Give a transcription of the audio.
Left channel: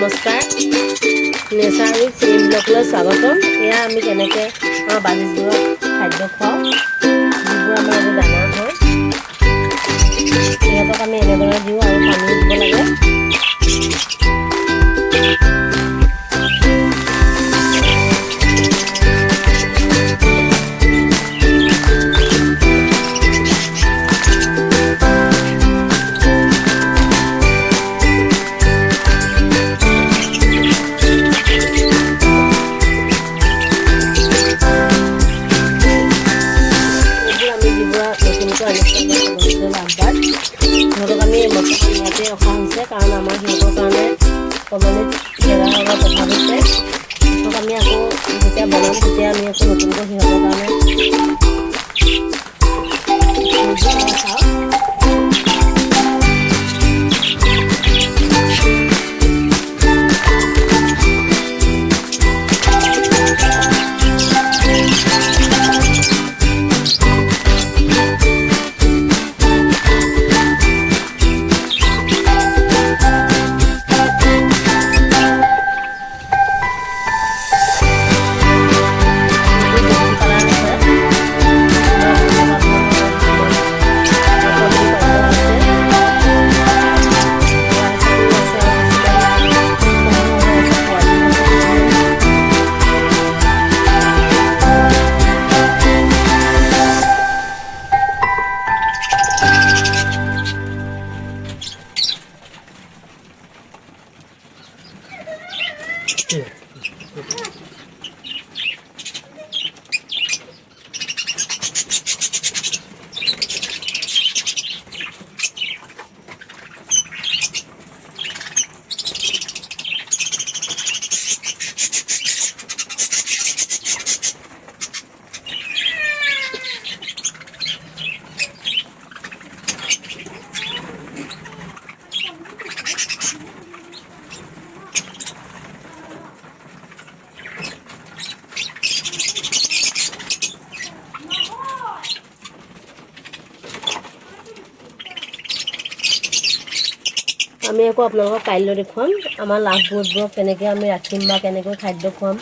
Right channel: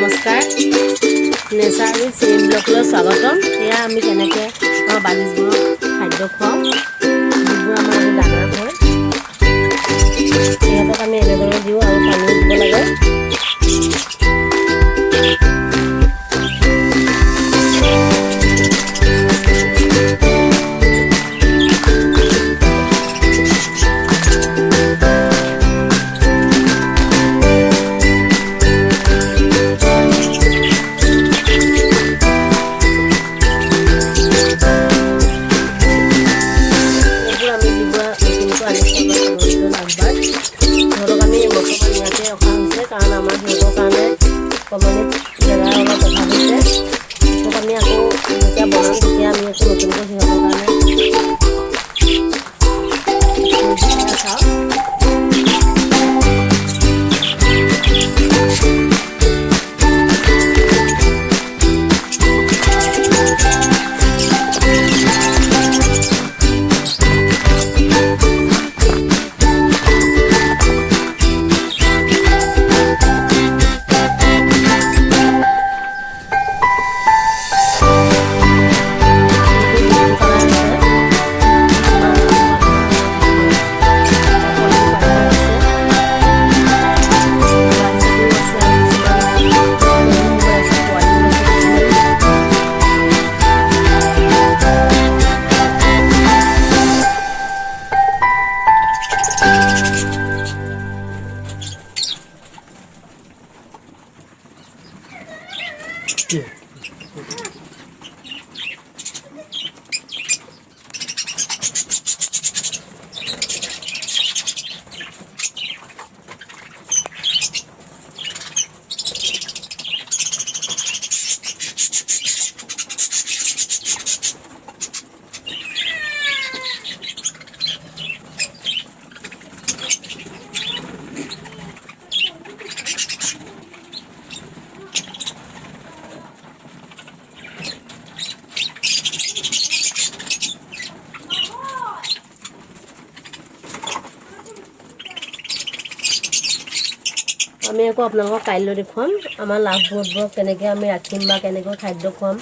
নমস্কাৰ nature with chain ব্লকলৈ স্বাগতম। এয়া আমি কেনেকৈ আমাৰ বালিজবোৰক খাদ্য খুৱাওঁ, যিবোৰ আমাৰ এইবোৰ দানা হয়, সিহঁতক আমি এনেদৰে দিওঁ আৰু পানী দিব লাগে। সিহঁতক আমি বৰ্তমান ইয়াতে ৰখা হৈছে, কাৰণ আমাৰ সিহঁতৰ কাৰণে কলনীত জেগা অলপ অভাৱ হৈছে। পিছত আমি আকৌ যেতিয়া বনাম তেতিয়া আমি আকৌ নতুনকৈ সিহঁতৰ কাৰণে চাওঁ। আমি আকৌ আপোনালোকক কাইলৈ দেখুৱাম আমাৰ লাভবোৰবোৰক কেনেকৈ আমি ৰাখিম বা কেনেকৈ খাদ্য খুৱাম।